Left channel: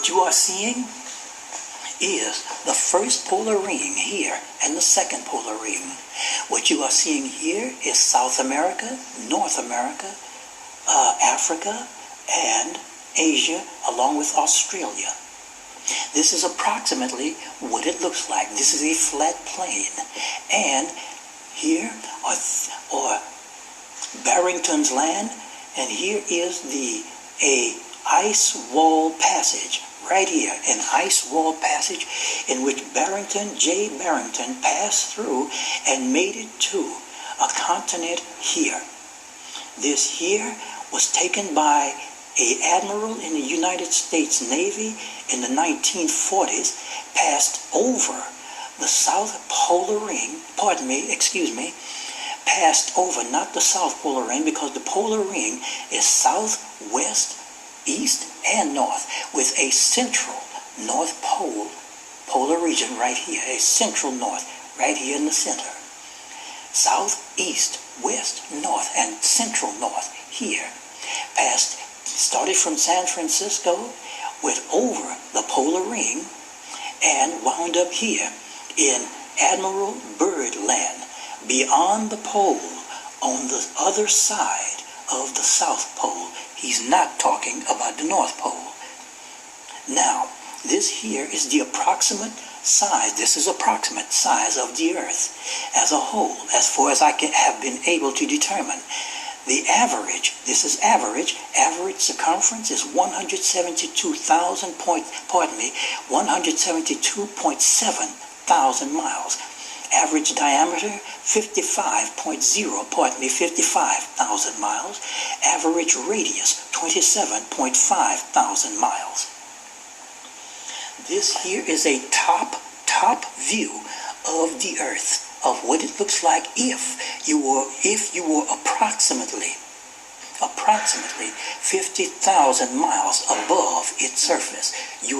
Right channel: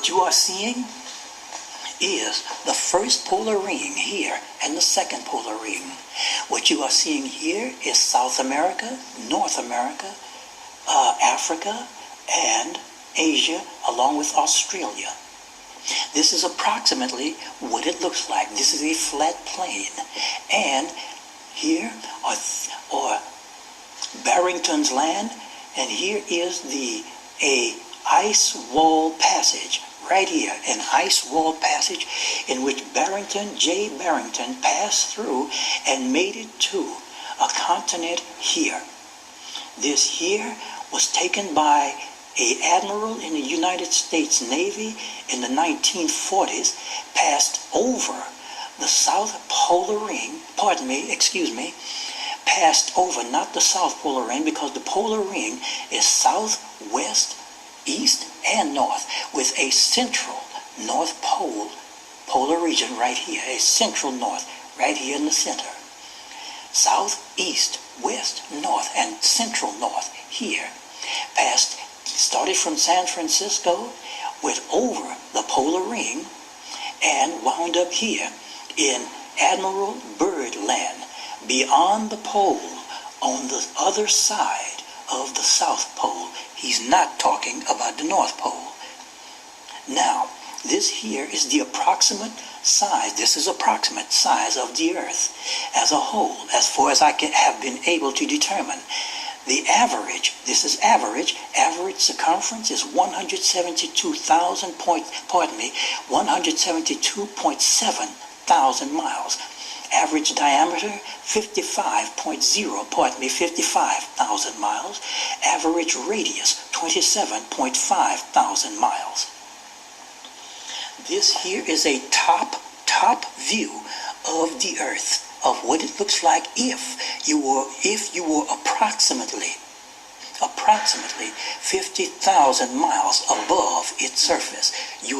What you are seeing is the first polar ring here and the second polar ring. What you are seeing here is South America, North America, Africa, and Asia, along with Australia. This is approximately what it looks like. This is a flat plane. And here are Barrington's Land, and here is a ice wall passage. Right here, an ice wall passage in which J. Barrington passed through and made it to a continent here. This here was taken by an admiral in the United States Navy in the 1940s, passed over the South Polar Ring, passed over, not the South Polar Ring, because the Polar Ring is south, west, east, and north, with a central North Pole polar region right here, a central north right here in the center. South, east, west, north, and central north here. Started from San Francisco, went over the polar ring, and wound up here in Admiral Byrd Land, beyond the pole, on the other side of the South Pole. He's not talking about the North Pole. Now, this here is the approximate size. This is approximate size of the Earth as a whole, as far as I have been able to determine. The average, this is average circumference is 172.7 thousand miles. Average diameter, 55,000 miles. Average radius, 27.5 thousand miles. This here is a top view of the Earth, of what it looks like if you were approximately 50,000 miles above its surface. You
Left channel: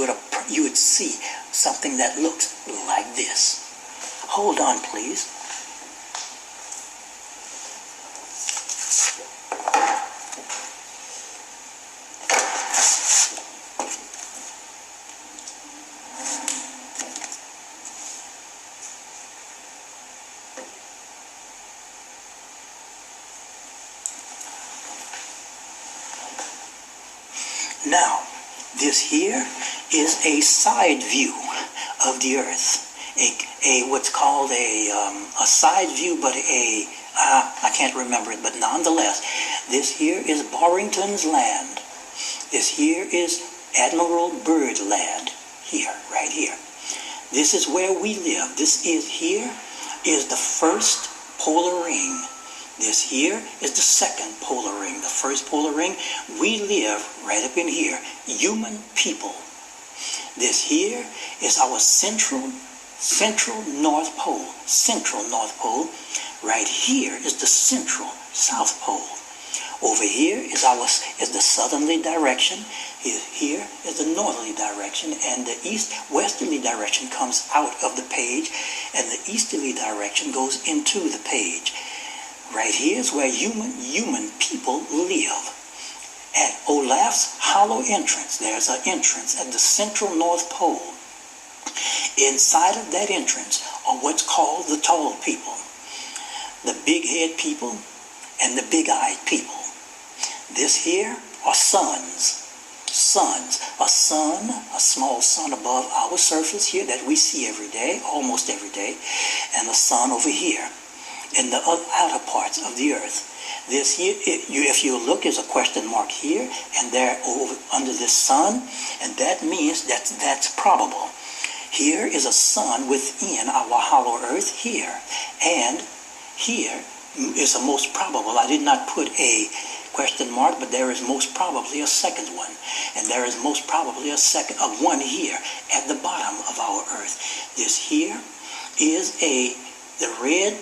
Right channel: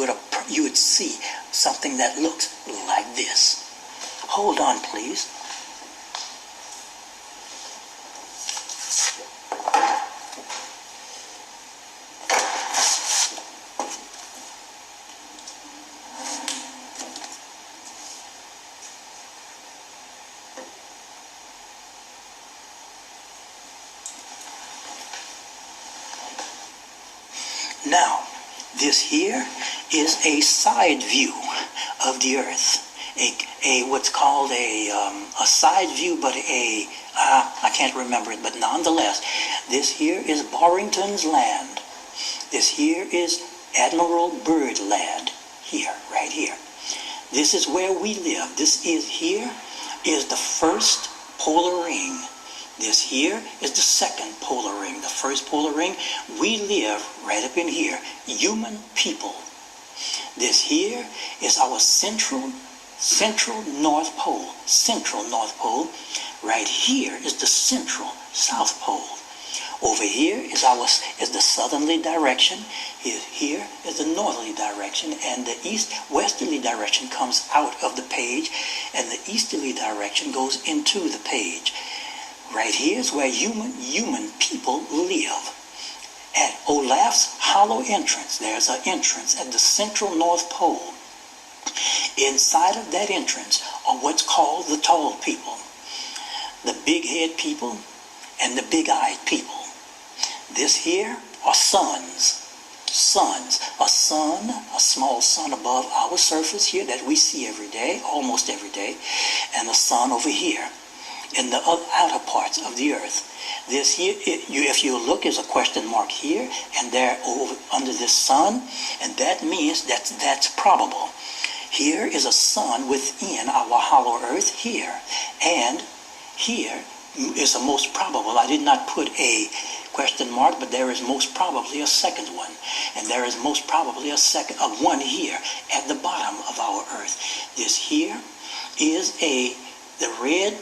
would see something that looks like this. Hold on, please. Now, this here is a side view of the Earth. What's called a side view, but I can't remember it, but nonetheless, this here is Barrington's Land. This here is Admiral Byrd Land, here, right here. This is where we live. This is here is the first polar ring. This here is the second polar ring. The first polar ring, we live right up in here, human people. This here is our central North Pole, Right here is the central South Pole. Over here is the southerly direction. Here is the northerly direction, and the east-westerly direction comes out of the page, and the easterly direction goes into the page. Right here is where human people live. At Olaf's Hollow entrance, there's an entrance at the central North Pole. Inside of that entrance are what's called the tall people, the big-head people, and the big-eyed people. This here are suns. A sun, a small sun above our surface here that we see every day, almost every day, and a sun over here in the outer parts of the Earth. This here, if you look, is a question mark here, and there over under this sun, and that means that's probable. Here is a sun within our hollow Earth here, and here is a most probable. I did not put a question mark, but there is most probably a second one, and there is most probably a one here at the bottom of our Earth. This here is the red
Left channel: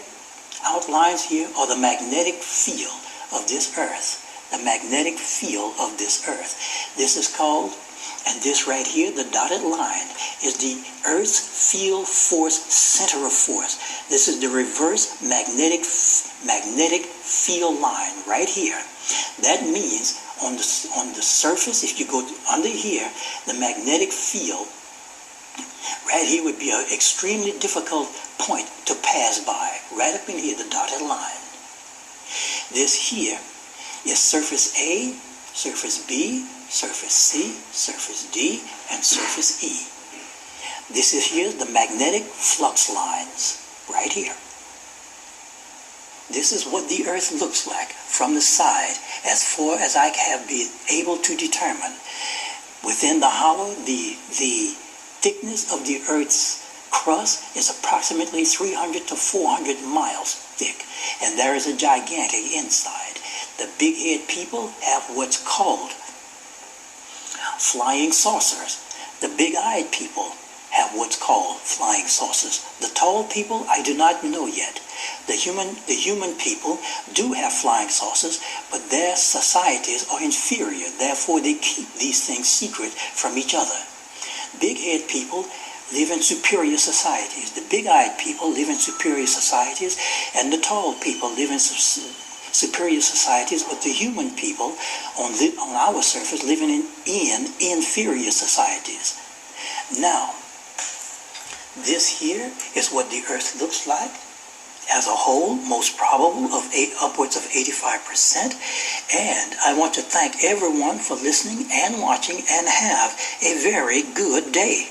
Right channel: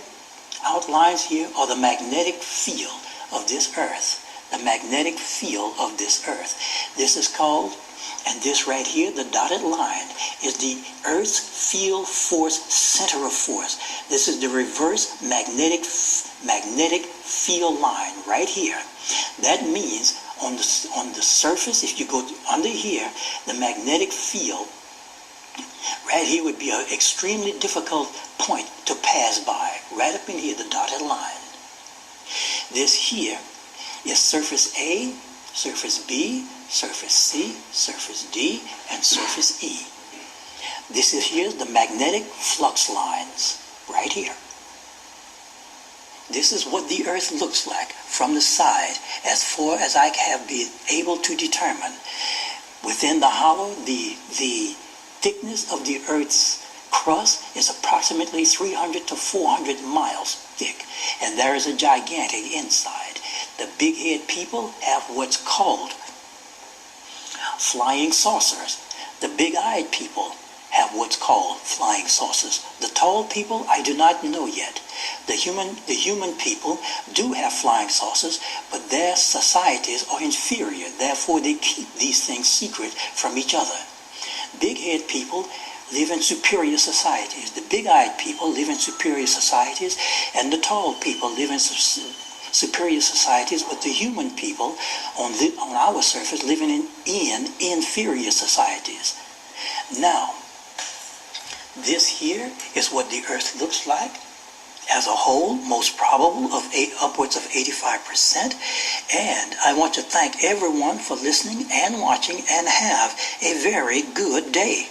outlines here are the magnetic field of this Earth. The magnetic field of this Earth. This is called, and this right here, the dotted line, is the Earth's field force center of force. This is the reverse magnetic field line right here. That means on the surface, if you go under here, the magnetic field right here would be an extremely difficult point to pass by. Right up in here, the dotted line. This here is surface A, surface B, surface C, surface D, and surface E. This is here the magnetic flux lines, right here. This is what the Earth looks like from the side, as far as I have been able to determine. Within the hollow, the thickness of the Earth's crust is approximately 300 to 400 miles thick, and there is a gigantic inside. The big-head people have what's called flying saucers. The big-eyed people have what's called flying saucers. The tall people, I do not know yet. The human people do have flying saucers, but their societies are inferior. Therefore, they keep these things secret from each other. Big-head people live in superior societies. The big-eyed people live in superior societies, and the tall people live in superior societies, but the human people on our surface living in inferior societies. Now, this here is what the Earth looks like as a whole, most probable of upwards of 85%. And I want to thank everyone for listening and watching, and have a very good day.